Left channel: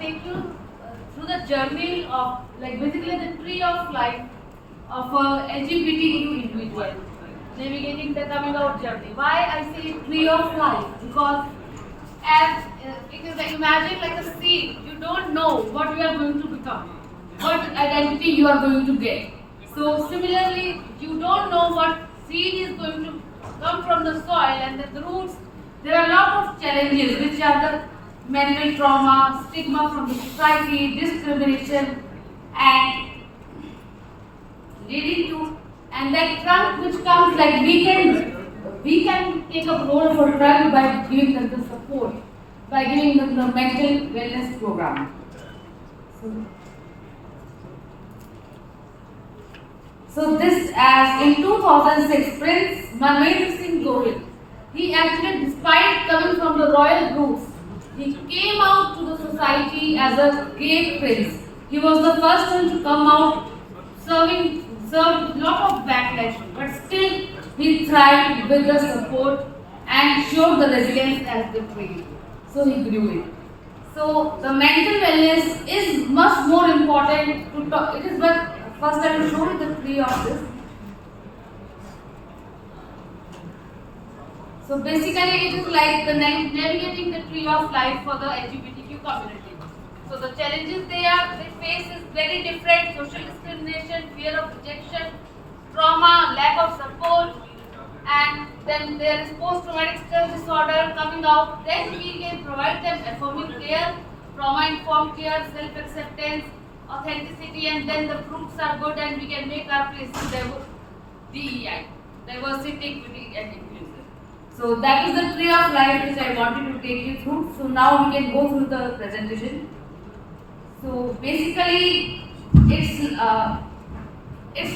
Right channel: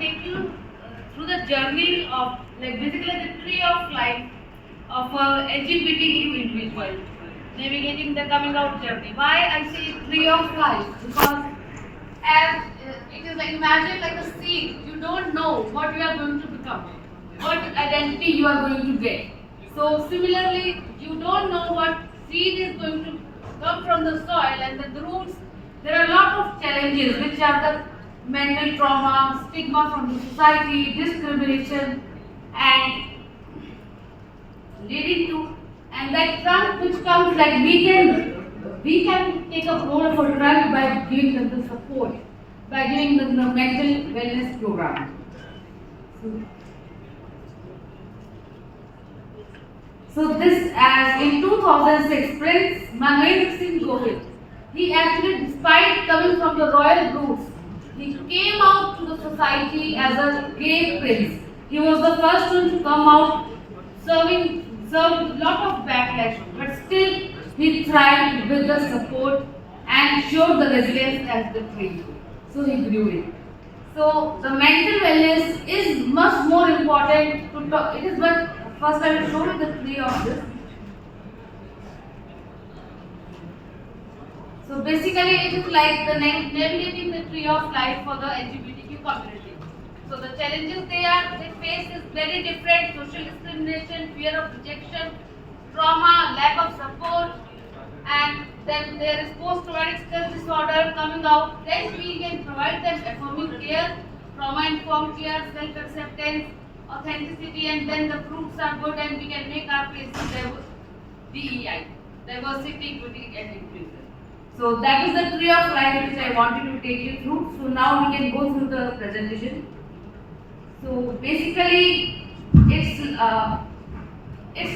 take you through the journey of, like, basically the tree of life of a LGBTQ individual navigating the coming out journey. Why I say tree of life? Because as it is like, imagine like a seed. You don't know what you are going to become, what identity you are going to get. So similarly, you don't know what seed is going to come from the soil and the roots. There are a lot of challenges which are the mental trauma, stigma from the society, discrimination, and leading to, and that trunk which comes, like, we can take a role of a trunk by giving them the support, by giving them the mental wellness program. So this, as in 2006, Prince Manvendra Singh Gohil, he actually, despite coming from the royal roots, he came out to the society as a gay prince. He was the first one to come out, served a lot of backlash, but still he thrived with the support and showed the resilience as the tree. So he grew it. So the mental wellness is much more important to talk. It is what first I will show you the tree of this. So basically it is like the navigating the tree of life for the LGBTQ community. So the challenges they face is very different: social discrimination, fear of rejection, trauma, lack of support, and then there is post-traumatic stress disorder coming out. Then we can provide them affirming care, trauma-informed care, self-acceptance, authenticity, and then the fruits are good, and we can make our places DEI, diversity, equity, and inclusive. So that is the tree of life which I wanted to take you through. So now we can go through the presentation. So basically, it's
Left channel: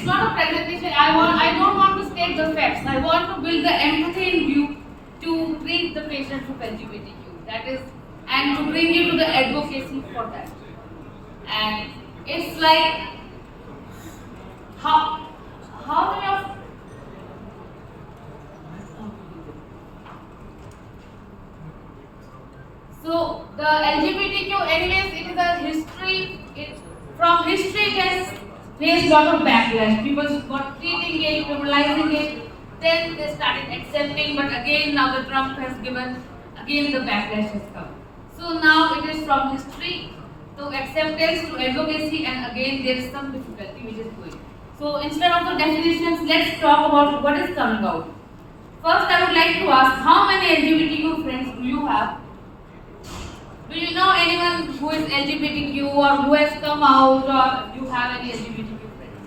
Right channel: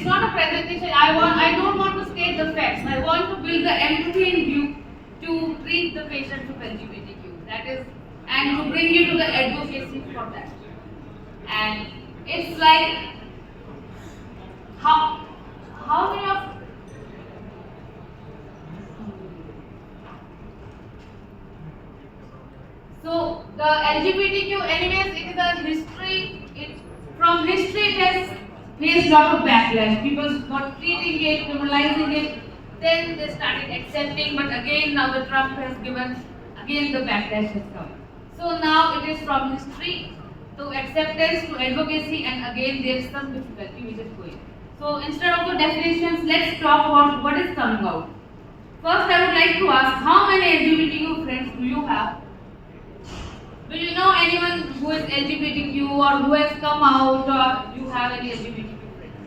not a presentation. I don't want to state the facts. I want to build the empathy in you to treat the patients with LGBTQ. That is, and to bring you to the advocacy for that. And it's like how many of so the LGBTQ, anyways, it is a history. From history it has faced a lot of backlash. People got treating it, criminalizing it. Then they started accepting, but again now the Trump has given, again the backlash has come. So now it is from history to acceptance to advocacy, and again there is some difficulty which is going. So instead of the definitions, let's talk about what is coming out. First, I would like to ask, how many LGBTQ friends do you have? Do you know anyone who is LGBTQ or who has come out, or you have any LGBTQ friends?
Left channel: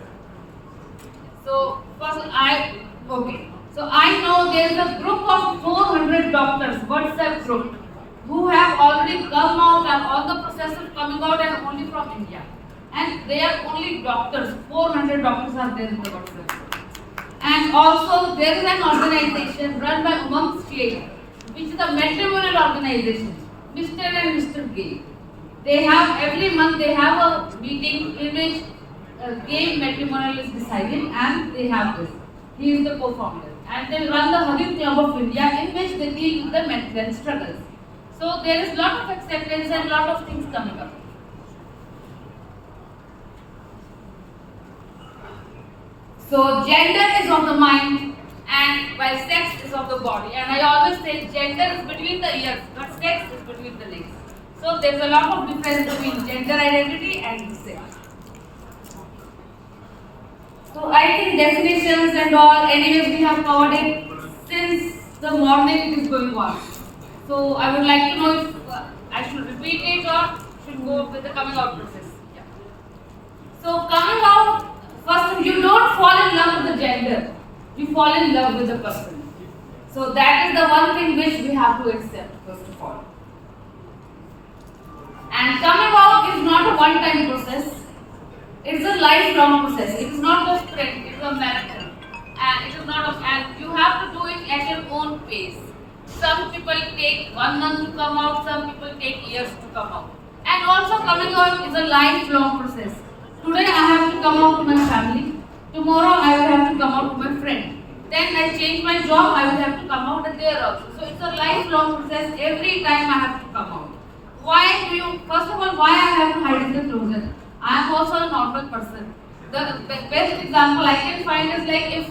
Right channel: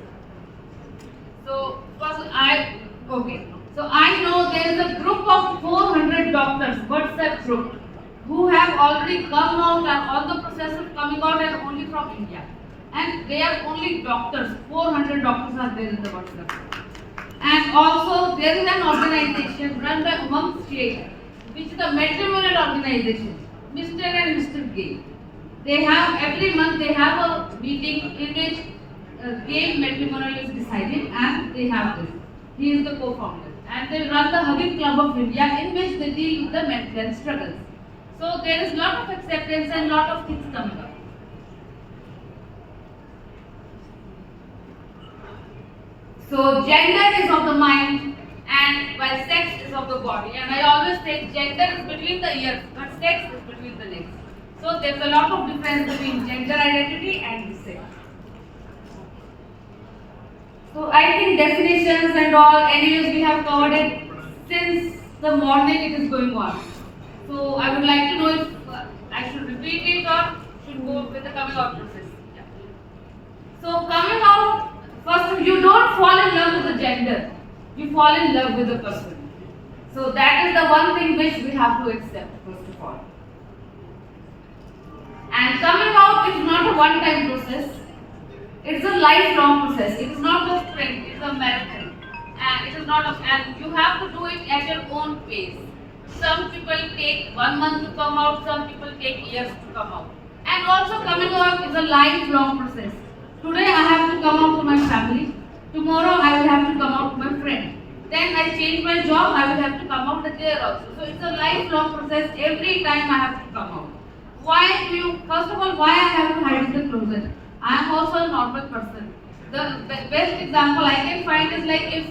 So first So I know there is a group of 400 doctors, WhatsApp group, who have already come out and all the process of coming out, and only from India. And they are only doctors. 400 doctors are there in the WhatsApp group. And also there is an organization run by Umang State, which is a matrimonial organization. Mr. and Mr. Gay. They have, every month they have a meeting in which gay matrimonial is decided, and they have this. He is the co-founder. And they run the Hugging Club of India, in which they deal with the mental health struggles. So there is lot of acceptance and lot of things coming up. So gender is of the mind, and while sex is of the body. And I always say gender is between the ears, but sex is between the legs. So there's a lot of difference between gender identity and sex. So I think definitions and all, anyways we have covered it since the morning it is going on. So I would like to know if I should repeat it or should go with the coming out process. Yeah. So coming out, first you don't fall in love with the gender. You fall in love with the person. So that is the one thing which we have to accept first of all. And coming out is not a one-time process. It is a lifelong process. It is not a sprint. It is a marathon. And it is not and you have to do it at your own pace. Some people take 1 month to come out. Some people take years to come out. And also coming out is a lifelong process. Today I have to come out to my family. Tomorrow I will have to come out to my friend. Then I change my job, I will have to come out there also. So it's a lifelong process. Every time I have to come out. first of all, why I have to hide in the closet? I am also a normal person. The best example I can find is like if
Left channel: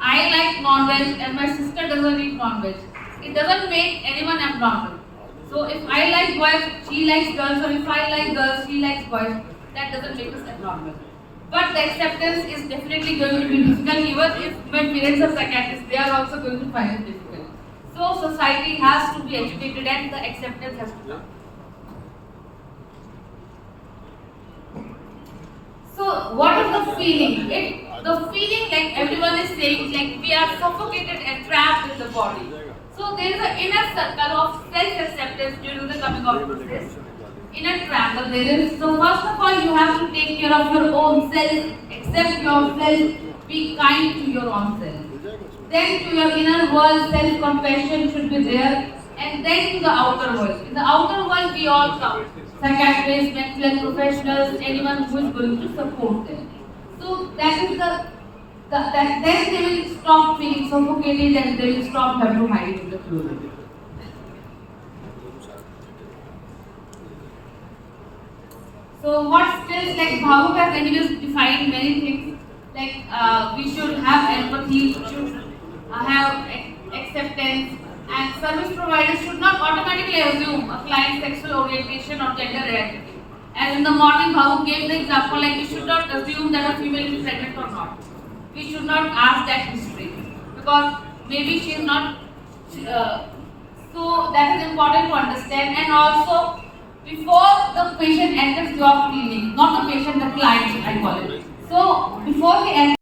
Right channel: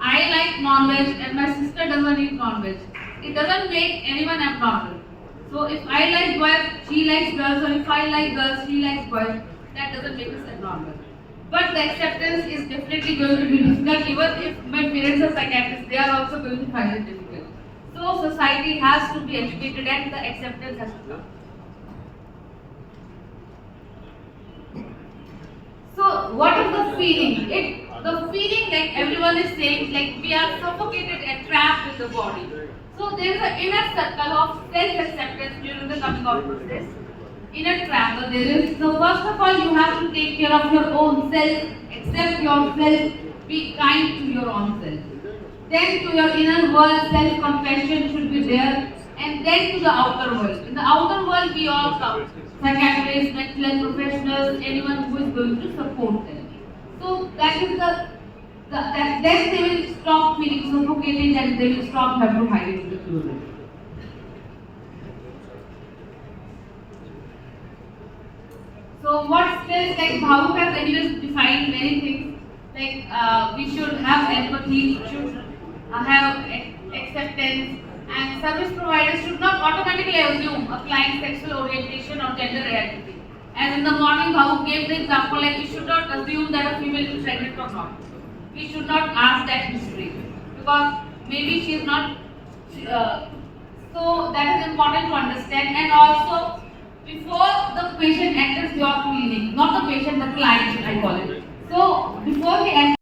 I like non-veg and my sister doesn't eat non-veg, it doesn't make anyone abnormal. So if I like boys, she likes girls, or if I like girls, she likes boys, that doesn't make us abnormal. But the acceptance is definitely going to be difficult, even if my parents are psychiatrists, they are also going to find it difficult. So society has to be educated and the acceptance has to come. So what is the feeling? The feeling like everyone is saying, like we are suffocated and trapped in the body. So there is an inner circle of self-acceptance during the coming out process. Inner triangle there is. So first of all, you have to take care of your own self, accept yourself, be kind to your own self. Then to your inner world, self-compassion should be there. And then to the outer world. In the outer world, we all come. Psychiatrists, mental health professionals, anyone who is going to support them. So that is then they will stop feeling suffocated and they will stop having to hide in the closet. So what skills, like Bhavuk has anyways defined many things, like we should have empathy, we should have acceptance, and service providers should not automatically assume a client's sexual orientation or gender identity. And in the morning, Bhavuk gave the example like we should not assume that a female is pregnant or not. We should not ask that history because maybe she is not. So that is important to understand. And also, before the patient enters your clinic, not the patient, the client, I call it. So before they enter